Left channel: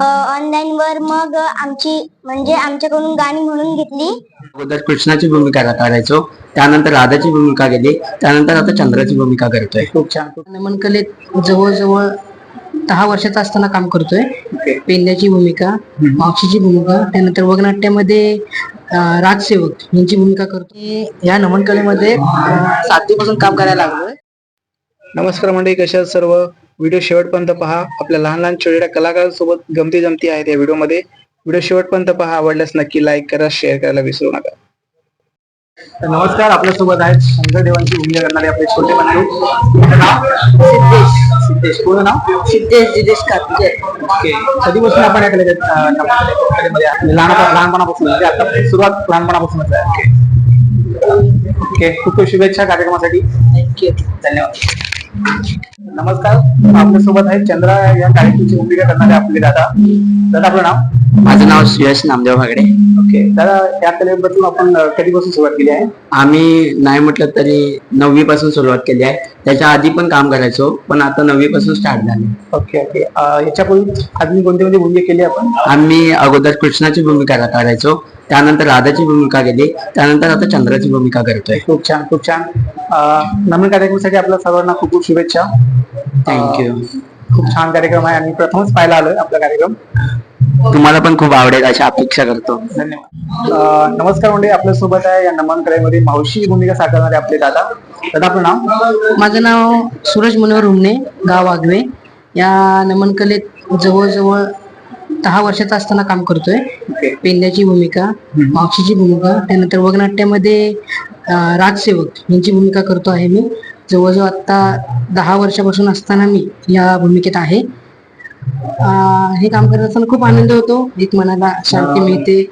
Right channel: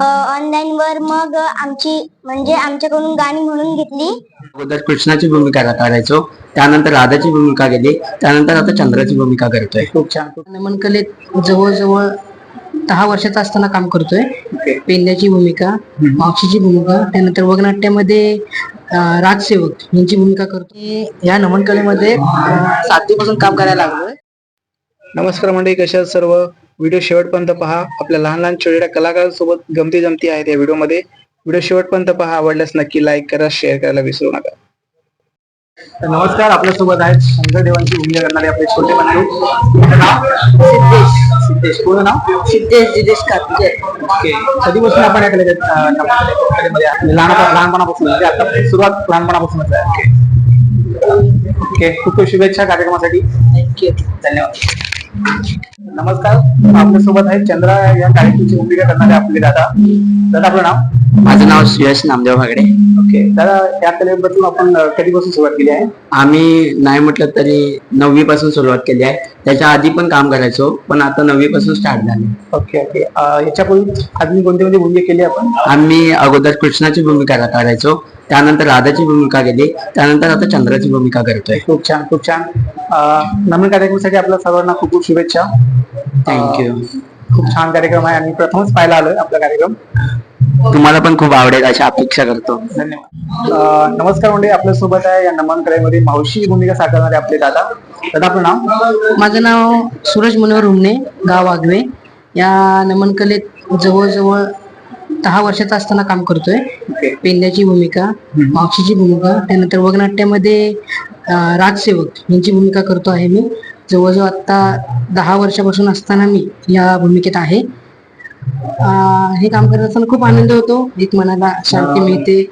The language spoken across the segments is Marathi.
ऑनलाईन वर मग आमची म्हणजे आमच्याकडून गाणी म्हणून घेतली. अगोदर कृष्णाची भूमिका करायचो त्यानंतर राधाची भूमिका केली त्यानंतर आता चंद्राची भूमिका करतोय. खूप छान. नमन कलेत जवळजवळ दहा वर्षाचा असताना काम करतोय. पेंड्याची भूमिका मावशीची भूमिका त्यानंतर वगनाट्यामध्ये राजसेवक यांची भूमिका करतोय या नमन कलेमध्ये सातवीपासून काम करायला लागलोय. नमस्कार मंडळी कशा सर्व? व्हिडिओ शेवटपर्यंत पहा. आपल्या लहान लहान छोट्या कलाकारांसोबत गमती जमती आहेत या व्हिडिओमध्ये. व्हिडिओ शेवटपर्यंत पहा. आवडल्यास नक्की लाईक करा शेअर करायला विसरू नका. नमस्कार. आपल्यासोबत आहेत शंकर देवांची भूमिका करणारे आपले छोटे बंधू. सिद्धेश. पूर्ण नाव? सिद्धेश कातकर ओके. कधीपासून आपण या? लहानपणा लहानपणापासून म्हणजे आता सुरुवात लहानपणापासूनच आहे. ओके. खूप खूप शुभेच्छा कार्यक्रमासाठी. धन्यवाद. नमस्कार आपल्यासोबत आहेत चंद्रा या कार्यक्रमाची भूमिका करणारे आपले दादा. दादा आपलं नाव? माझं नाव सुयश नामदेव भागडे. ओके दादा या कलेबद्दल आपण अं, कधीपासून सुरुवात केली आहे? आम्ही नाही म्हटलं तरी नववी पासून सुरुवात केली आहे. त्याच्या आधी पण काम करायचो पण आता नववी पासून स्टार्ट झाले. Okay okay. अं, याच्यापूर्वी अजून कोणती कोणती भूमिका केली आपण? आम्ही अगोदर कृष्णाची भूमिका करायचो त्यानंतर राधाची भूमिका केली त्यानंतर आता चंद्राची भूमिका करतोय. खूप छान खूप छान. अं, नवीन कार्यक्रमासाठी आपल्या सर्वांना खूप खूप शुभेच्छा. थँक्यू खूप छान कार्यक्रम आहे आणि प्रथमच पाहायला आलोय आपला कार्यक्रम. तुम्हाला पण खूप आवडेल अशी अपेक्षा करतो. धन्यवाद. अं, नमस्कार म्हणजे आपल्यासोबत आहे या नमन कलेमध्ये मावशी भूमिका साकारणारे आपले दादा. दादा आपलं नाव? माझं नाव सूरज मनोहर हुमणे गाव आगवे या नमन कलेत जवळजवळ दहा वर्षाचा असताना काम करतोय. पेंड्याची भूमिका मावशीची भूमिका त्यानंतर वगनाट्यामध्ये राजसेवक यांची भूमिका करतो आहे मी. जवळजवळ आता दहा वर्षापासून असताना मी या भूमिकेत आहे. हे काम करत असताना खूप आनंद होतो. एक मनाला शांती मिळते.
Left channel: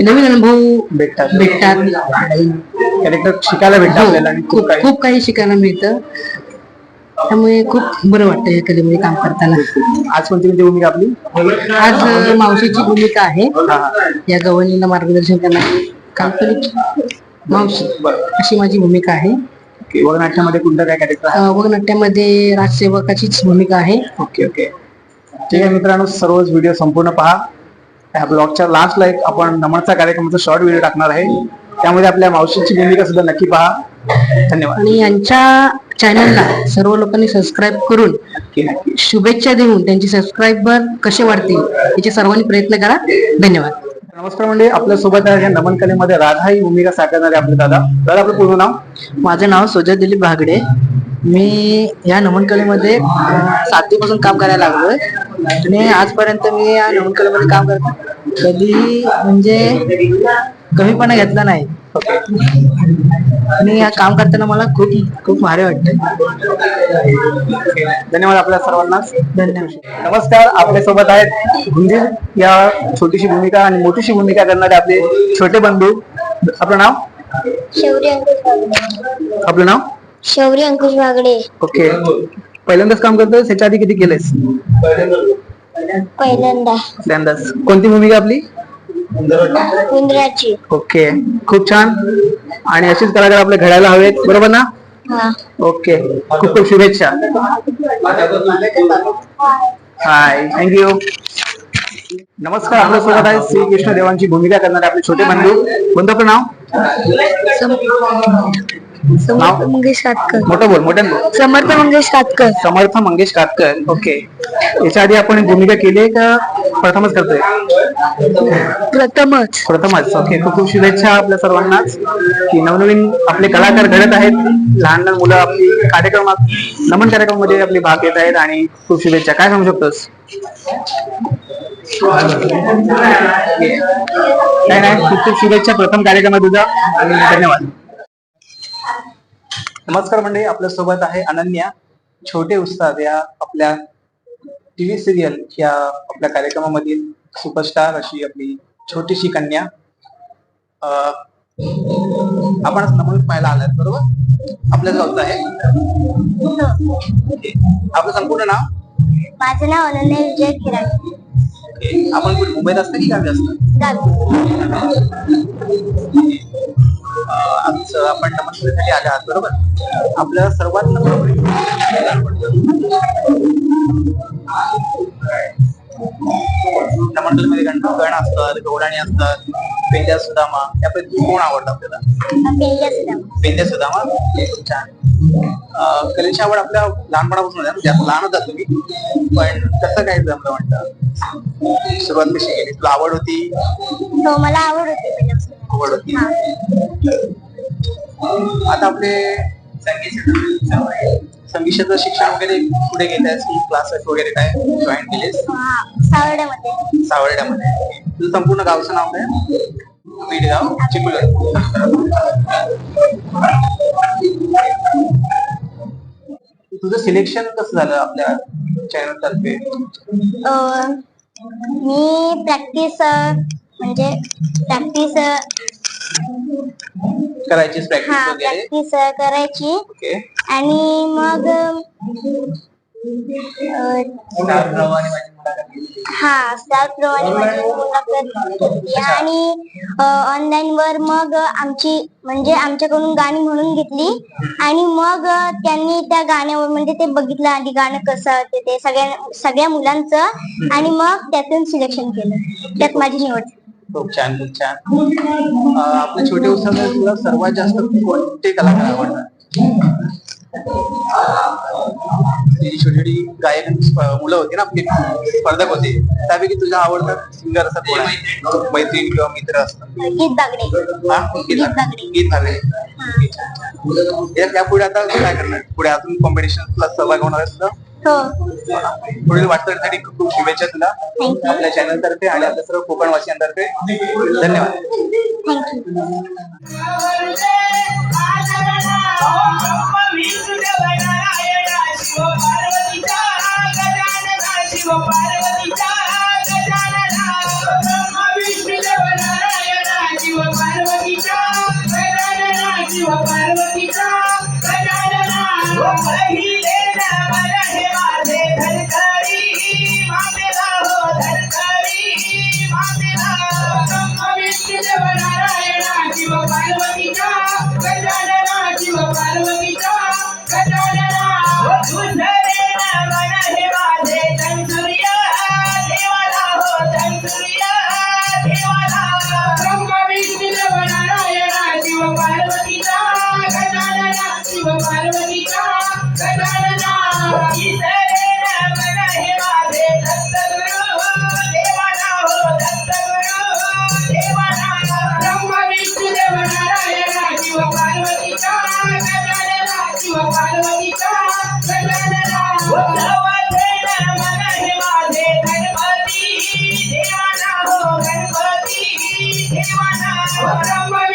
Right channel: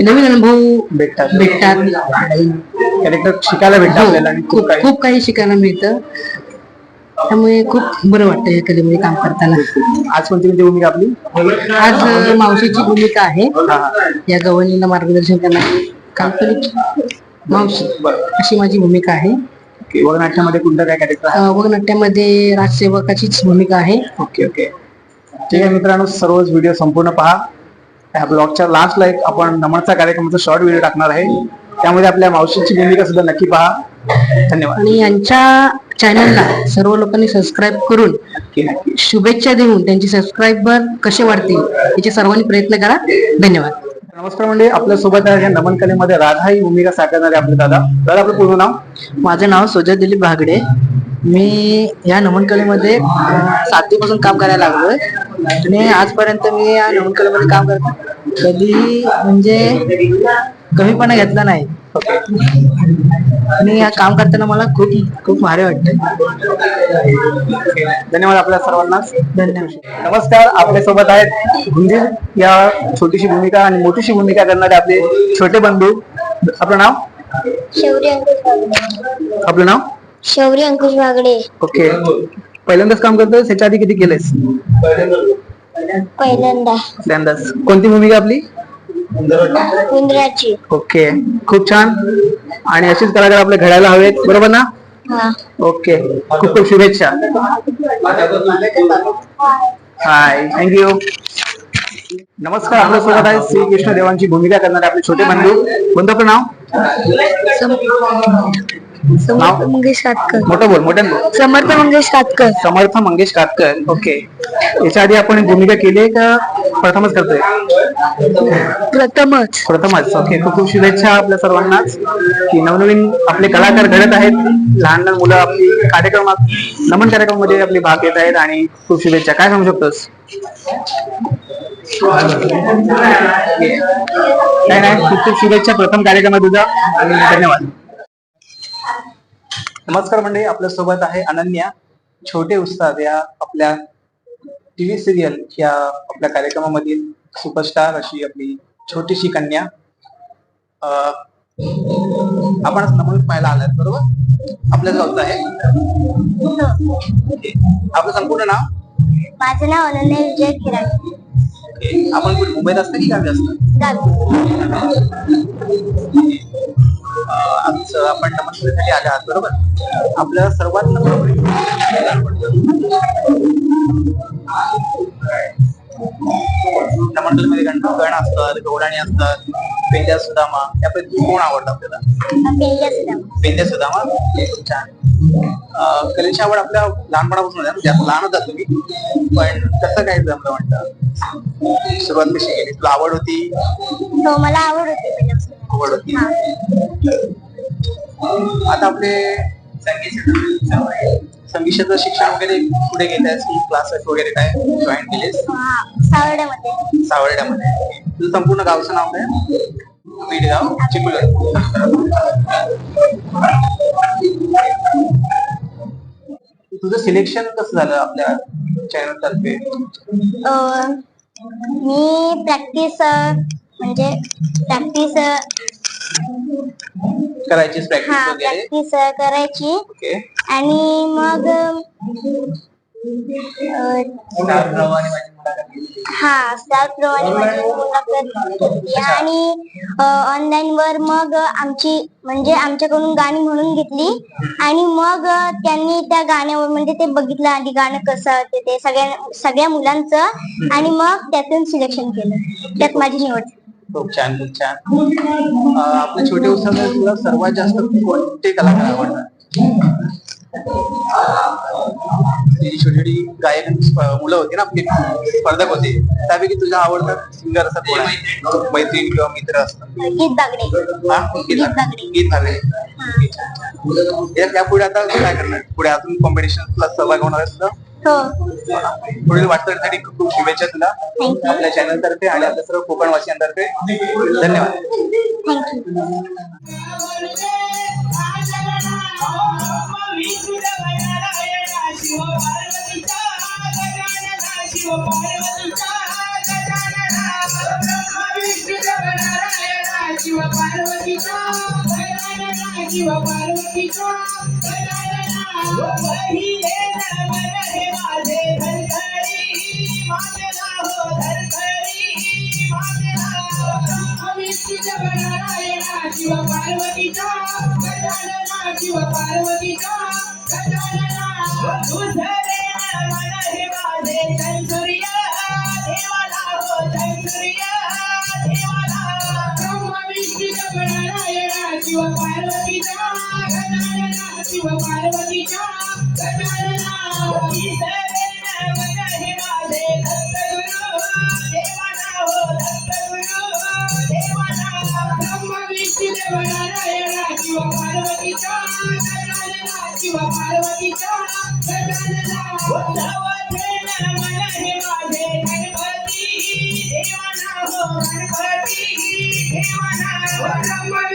नवीन अनुभव भेटतात. भेटतात. कॅरेक्टर शिकायला भेटतं हो, खूप काही शिकायला मिळतं. त्यामुळे खूप बरं वाटतं या कलेमध्ये काम करताना. आज कोणती कोणती भूमिका आपली? आज मावशीची भूमिका आहे. या गवळणीला मार्गदर्शन करणारी काल्पनिक मावशी अशी माझी भूमिका आहे. वगनाट्यामध्ये कोणतं काय कॅरेक्टर वगनाट्यामध्ये राजसेवकाचीच भूमिका आहे. Okay okay. ठीक आहे मित्रांनो सर्वच व्हिडिओ संपूर्ण पहा. या ब्लॉगच्या लास्टला एक आपण नमनचा कार्यक्रमाचा शॉर्ट व्हिडिओ टाकणार आहे. त्यामध्ये आपल्या मावशीची भूमिका सुद्धा नक्की पहा. धन्यवाद. आणि यांच्या चॅनलला सर्व लोकांनी सबस्क्राईब करून शुभेच्छा देऊन त्यांचे सबस्क्राईबर कसे वाढतील याचे सर्वांनी प्रयत्न करा. धन्यवाद. नमस्कार म्हणजे आपल्यासोबत आहे या नमन कलेमध्ये राधा ही भूमिका साकारणारे आपले दादा. दादा आपलं पूर्ण नाव? माझं नाव सुजय दिलीप भागडे. मी या नमन कलेमध्ये सातवीपासून काम करायला लागलोय. आणि आजपर्यंत मी या नमन कलेमध्ये काम करतो कधी म्हणजे कमीपणा घेतला नाही. आणि या काम करताना मला खूप खूप भारी वाटतं धन्यवाद आपल्या सर्वांना. धन्यवाद. नमस्कार आपल्यासोबत आहेत गुंजीर. या छोटीशी भूमिका आणि मोठीशी भूमिका करणारे आपले छोटे बंधू. आपलं नाव? शौर्य अंकुश आपलं नाव? शौर्य अंकुश बागडे ओके. पहिल्यांदाच काम करतोय त्याच्या आधी किती केलेस पहिल्यांदा. पहिल्यांदाच. कोणती भूमिका आपली? उंदराची. ओके. खूप छान. आणि अशीच कलाकार आपले घडायला हवेत. बरोबर ना? हा. ओके. खूप खूप शुभेच्छा. हाय थँक्यू नमस्कार. आपल्यासोबत आहे श्री कृष्ण देवांची भूमिका करणारे आपले छोटे बंधू. आपलं नाव? समर्थ मंगेश कातकर मोठं बोल मोठ्यानं बोल. समर्थ मंगेश कातकर समर्थ मंगेश कातकर ओके. याच्या आधी आपण भूमिका केली आहे का? प्रथमच करतोय. प्रथमच. प्रथमच ओके. खूप खूप शुभेच्छा आपल्या सर्वांनाच की नवनवीन आपले कलाकार घडत आहेत. लहान लहान मुलं आपली कार्यक्रमात नमन कार्यक्रमामध्ये आपले भाग घेत आहेत आणि खूप शुभेच्छा. काय सांगू शकतोस? नाही नाही. खूप खूप शुभेच्छा. प्रथम कार्यक्रमात तुझा. आणि धन्यवाद. नमस्कार मंडळी आपल्यासोबत आहे अनन्या छोटे उस्ताद या आपल्या टीव्ही सिरियल या आपल्या कार्यक्रमामधील सुपरस्टार अशी आपली छोटीशी कन्या. आपण नमन पाहायला आलात बरोबर? आपल्याच गावचं आहे. आपलं संपूर्ण नाव? माझं नाव अनन्या विजय ओके. आपण मुंबईत असतं की गावी असतं? आमचं आपण नमस्कारासाठी आले आहात बरोबर? आपल्या सर्वात प्रमुख मंडळमध्ये गण गण असतात गवळणी असतात पेंड्या सुदामा यापैकी कोण आवडतं आपल्याला? पेंड्या सुदामा. छान. कलेची आवड आपल्या लहानपणापासून आहे ना? म्हणजे आता लहानच जातो मी पण कसं काय जमलं म्हणतं? सुरुवात कशी केली? तुला आवड होती? हो मला आवड होती पहिल्यापासून. आवड होती हा. आता आपले संगीत संगीताचं शिक्षण वगैरे पुढे घेत आहेस क्लासेस वगैरे काय? जॉईन केलेस? सावर्ड्यामध्ये. सावर्ड्यामध्ये. तुझं संपूर्ण गावचं नाव काय? बीडगाव चिपळूण. तुझं सिलेक्शन कसं झालं आपल्या चॅनल तर्फे? अं, मी प्रॅक्टिस म्हणजे प्रॅक्टिस प्रॅक्टिस हा वगैरे? प्रॅक्टिस करायची. ओके. आणि मग अं, स्टार प्रवाह आणि माझी मुलाखत घेतली. हा स्टार प्रमाणे माझी मुलाखत घेतली आणि ऑनलाईन वर मग आमची म्हणजे आमच्याकडून गाणी म्हणून घेतली. आणि मग त्यांनी त्या गाण्यावर म्हणजे ते बघितलं आधी गाणं कसं ते ते सगळ्या सगळ्या मुलांचं. आणि मग त्यातून सिलेक्शन केलं. त्यात माझी निवड झाली. खूप छान खूप छान. अं, आपल्या छोटे उत्सवात तुला सर्वात जास्त कोणते कलाकार आवडतात? छोटी छोटी गायक मुलं होती ना आपली स्पर्धक होते. त्यापैकी तुझा आवडता सिंगर असा कोण आहे? मैत्रीण किंवा मित्र असतात गीत बागडे हा? गीत या- यापुढे आता काय करणार? पुढे अजून कॉम्पिटिशन सहभाग होणार हो. पुढील वाटचालीसाठी खूप खूप शुभेच्छा तुला. आपल्या चॅनल तर्फे आणि आपल्या सर्व कोकणवासियांतर्फे धन्यवाद. पार्वतीचा नमन हे माझे धरतरी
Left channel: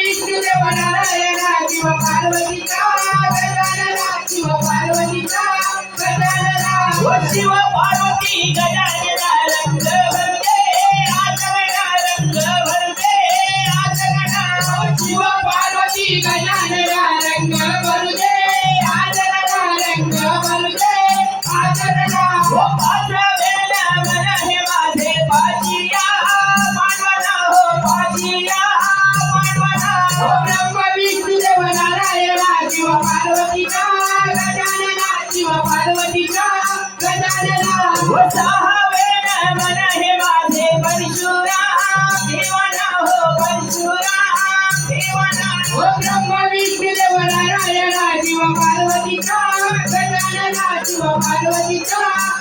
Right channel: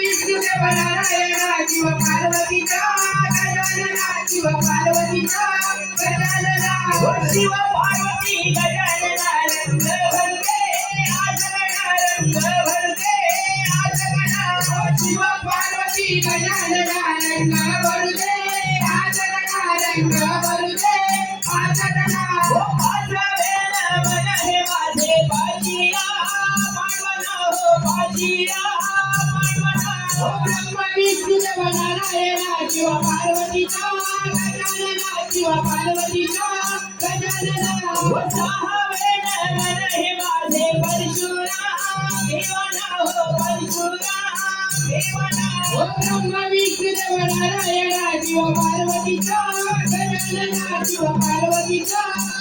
ब्रह्म विष्णू देव नारायणा शिव पार्वतीचा गजानना शिव पार्वतीचा गजानना ओ शिव ओ ब्रह्म विष्णू देव नारायणा शिव पार्वतीचा गजानना शिव पार्वतीचा.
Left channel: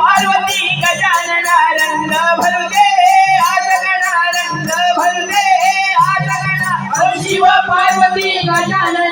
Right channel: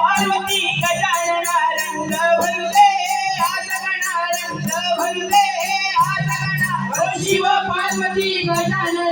पार्वती गजानना रंग भरू दे आज रंग भरू दे शिव पार्वती गजानना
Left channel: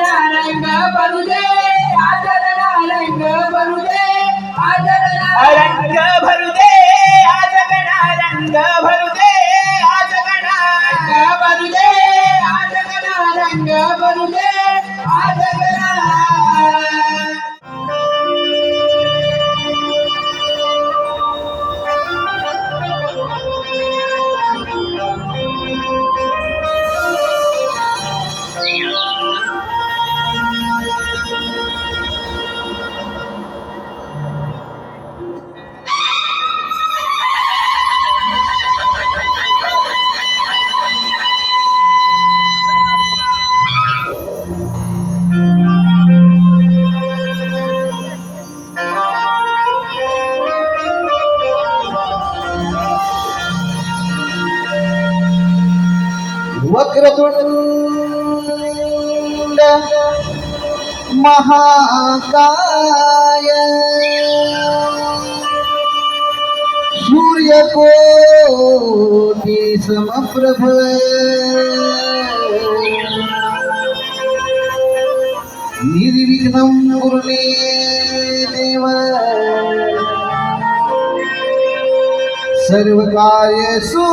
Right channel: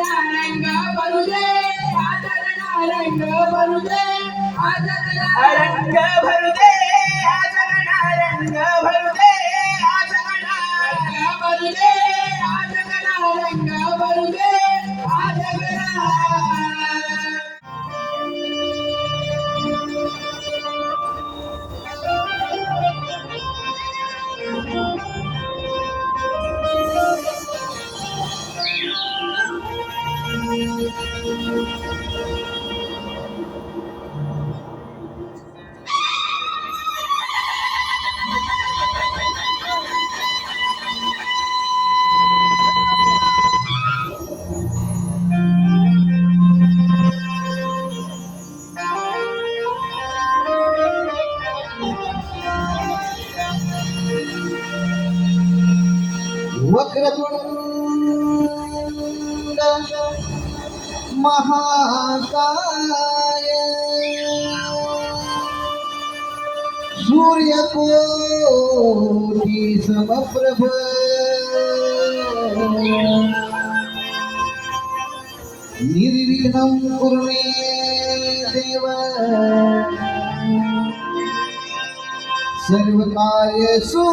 सर्वकार्येषु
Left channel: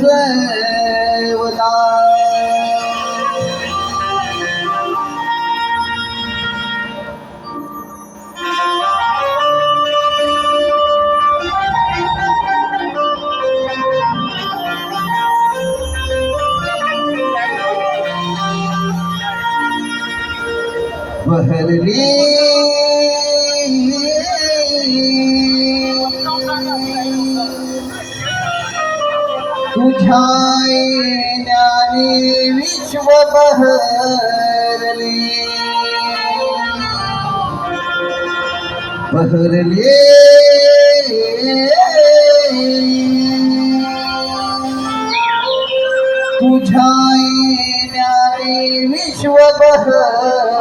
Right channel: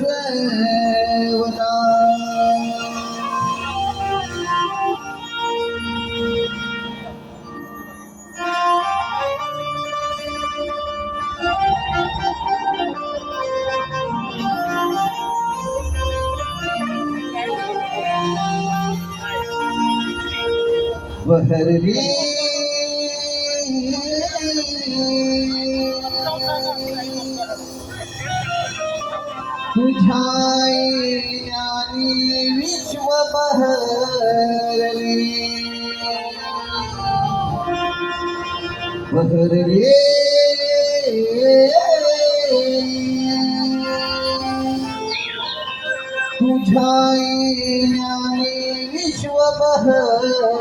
सर्वदा बहरली बहरले तुझ्या ज्ञानी विश्व बहर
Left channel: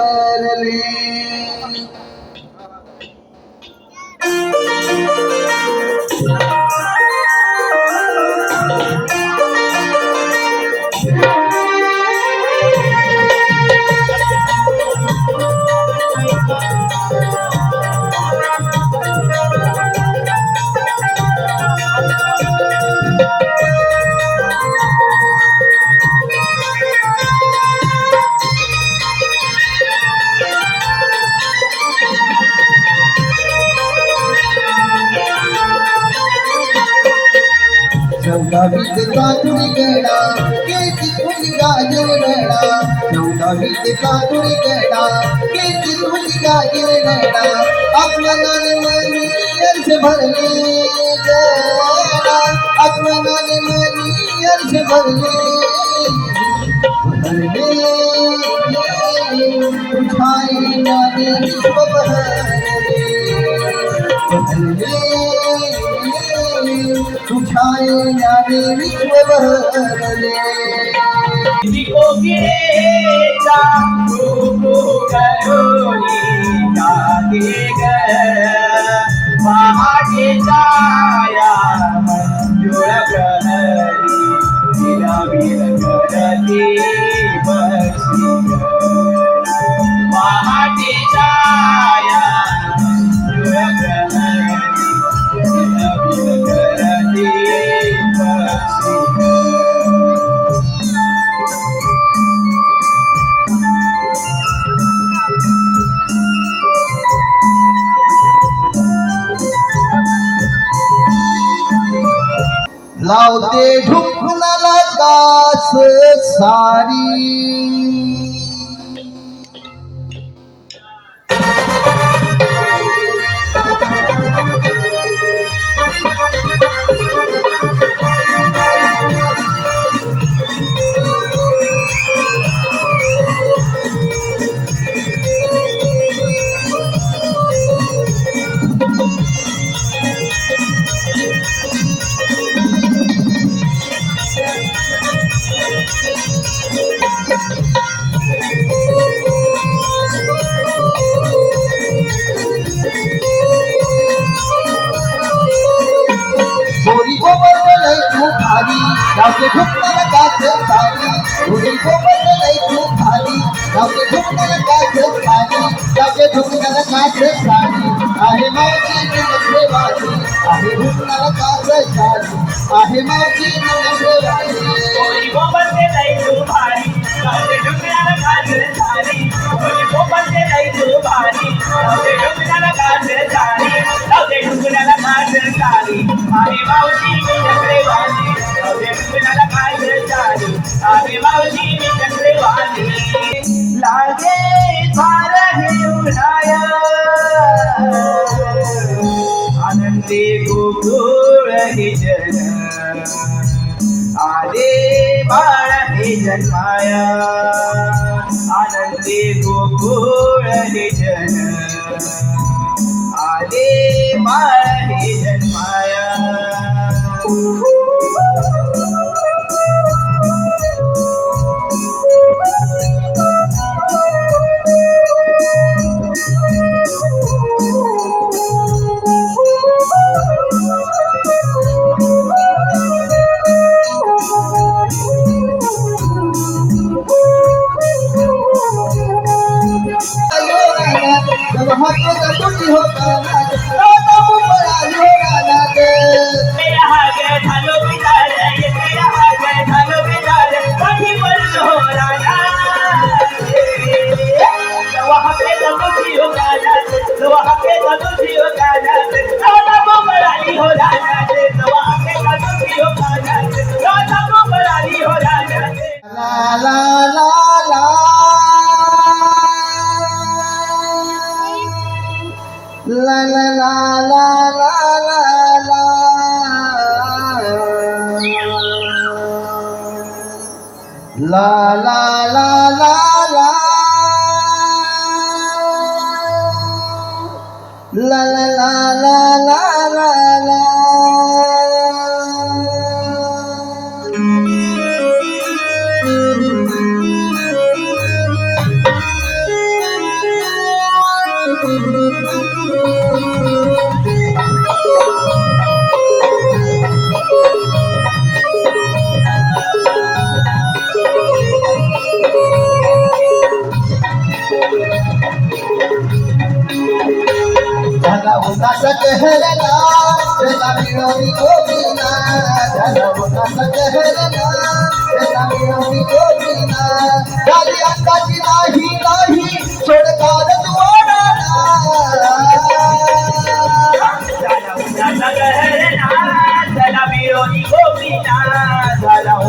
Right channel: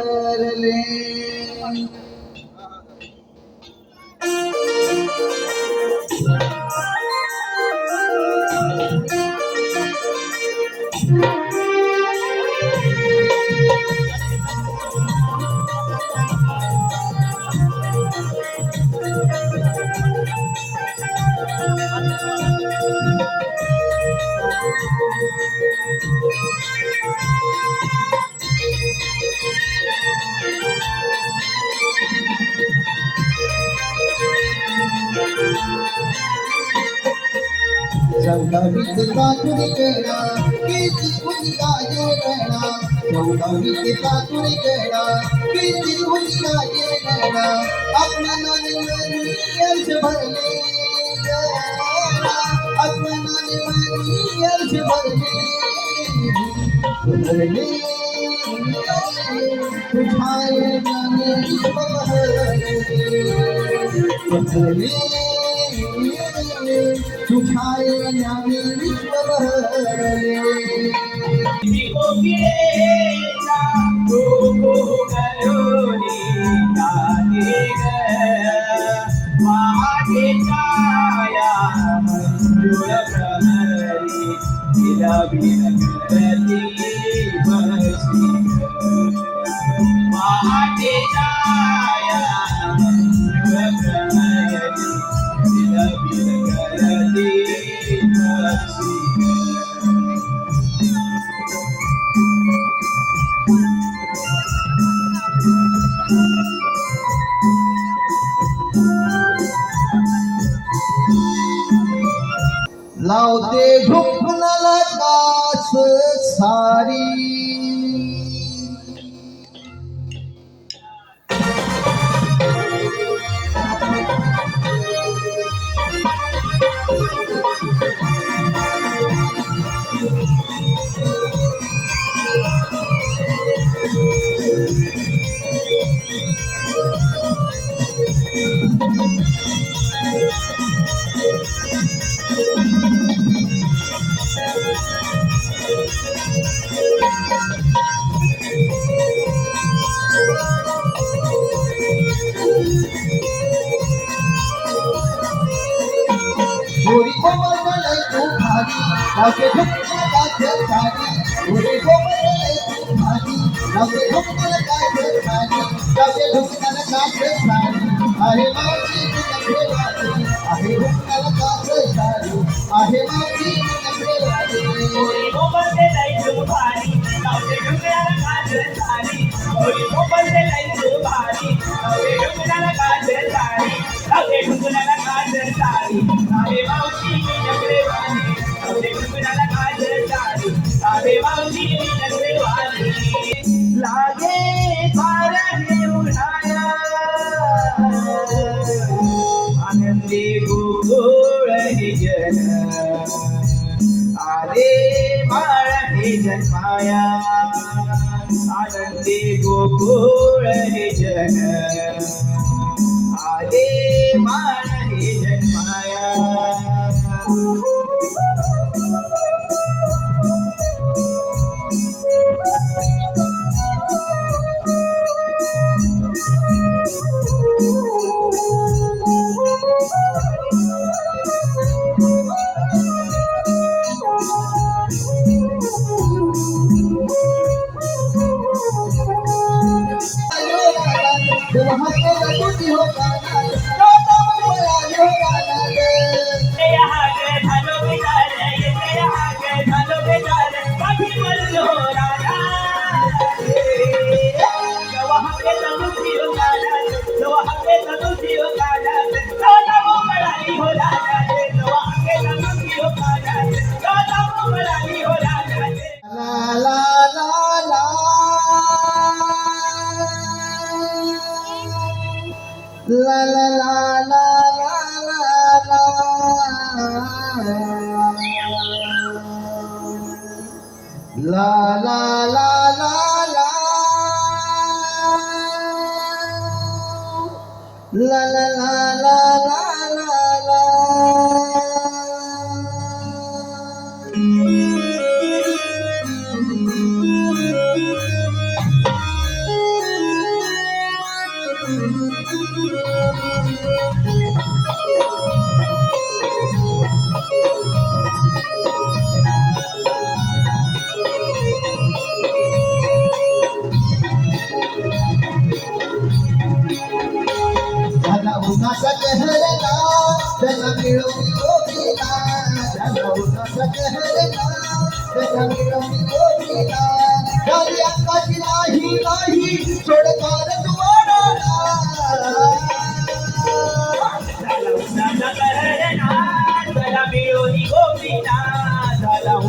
चौदावीत पातुरी गेला केची तुझी गाजर वेळा चौदावीत पातुरी गेला केची तुझी गाजर वेळा आत्मनाने मनी अर्ज भरले गेला मनी अर्ज भरले भरले तुझ्या नाने भरले भरले तुझ्या नाने विश्व भरले कोकिळेचा कोको करोनी नवके ढोकण्याला काय खेळ पाणी नवके ढोकण्याला काय खेळ पाणी आहे माझी नवदेवाची आहे ढोकण्याला काय साडी आहे माझी नवदेवाची बोबलते नाही तू भारी. नवके ढोकण्याला काय खेळ साडी कोणी बोबलते नाही तू भारी. नवके ढोकण्याला काय खेळ साडी नवके ढोकण्याला काय खेळ साडी आहे मावशी मी नवदेवाची नवके ढोकण्याला काय खेळ साडी आहे मावशी मी नवदेवाची लागे फार हे आनंदी गोकुळ हे जन. आले बाळ हे जन्माया. आनंदी गोकुळ हे जन. आले बाळ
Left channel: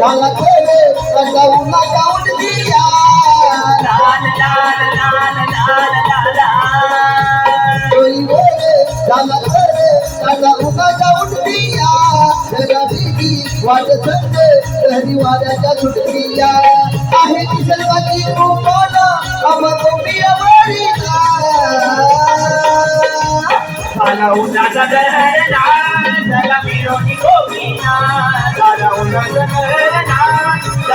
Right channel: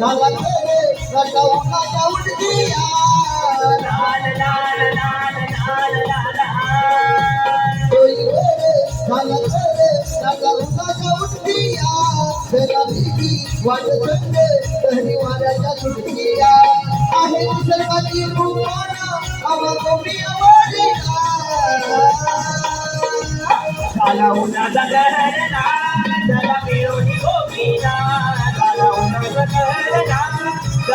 लाल तेरे सजाऊ लगाऊं दिया. लाल लाल लाल लाल लाल कोई मेरे लाल तेरे सजाऊ लगाऊं दिया. तेरा बीबी वाट संगे तेरी वाऱ्याच्या सुटकिया आहे निसर्गाची रूपाना अमर प्रिय वारीना झाला उन्हाचा दहरला झाला मिरोनी गोपीना झाला उन्हाचा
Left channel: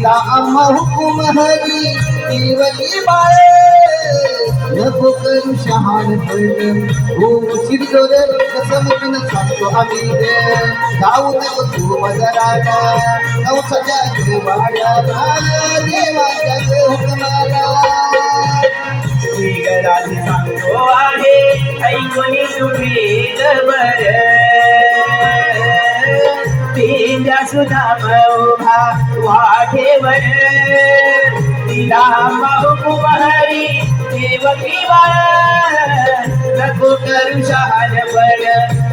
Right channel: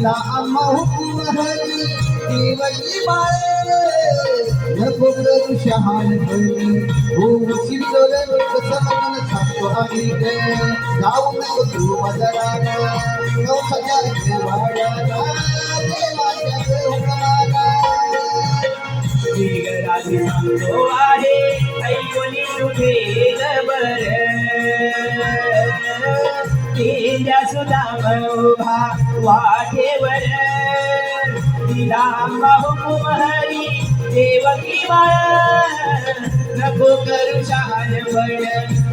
तिला आम्हा हुकुम हरी देवली बाळे। नको करू शहाण पण हो शिरजोर कसं सांगतो जाऊ नको तू मजराला नवसाच्या देवाच्या सांगतो आहे ऐकून तुम्ही जबर तेंद्या सुद्धा उभा वाटेवर तिला हुकुम हरी देवकी बाळ. नको करू शहाणपण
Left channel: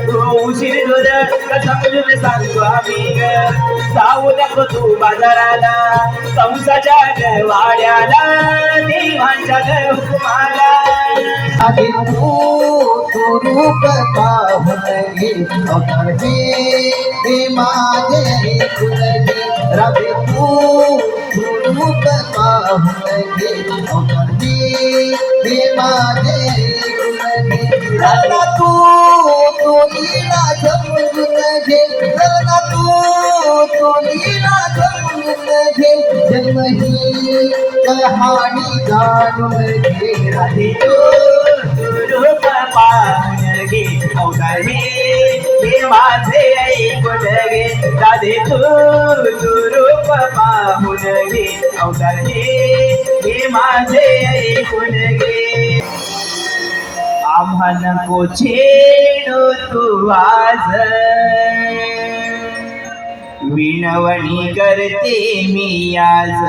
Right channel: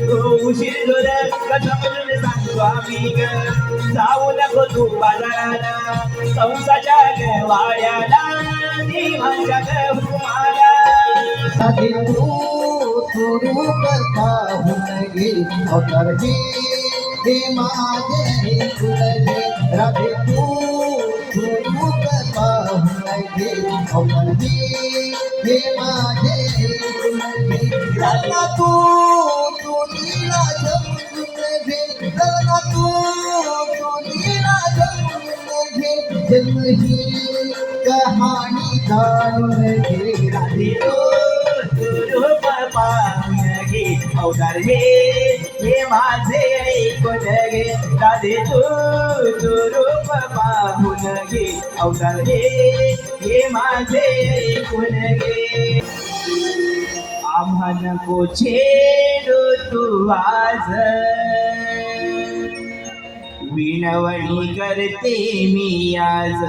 तो उशीर दूर समजून सांगतो आम्ही ग. जाऊ नको तू बाजाराला कंसाच्या वाड्याला देवांच्या हुकुमाला आधी तू तू रूप पाहून घे अवतार रवि हे माझे तू तू रूप पाहून घे भी हे हे माझे तू तू लीला जमून घे राधा तू तू लीला जमून घे जन्म ही कहाणी जाणून घे राधे तू. घे अवतार हे माझे ऐकून घे दादे तू तू रूप पाहून घे अवतार हे हे माझे ऐकून घे आम्हा नको छेडू तू आज. विनवणी करते मी आज.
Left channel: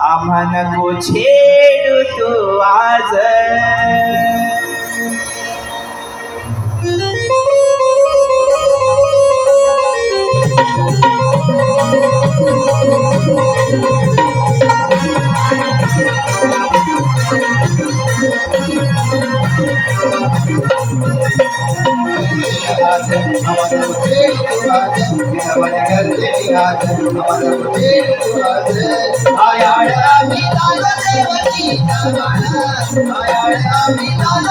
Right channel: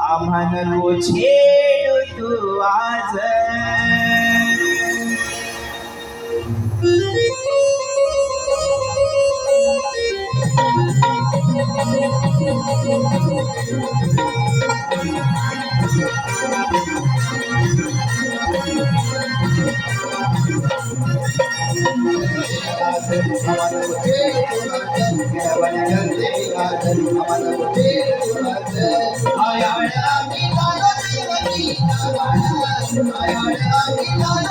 आम्हा नको छेडू तू आज. ஆயாட மீதான தேவகீதமான ஆயாட மீதான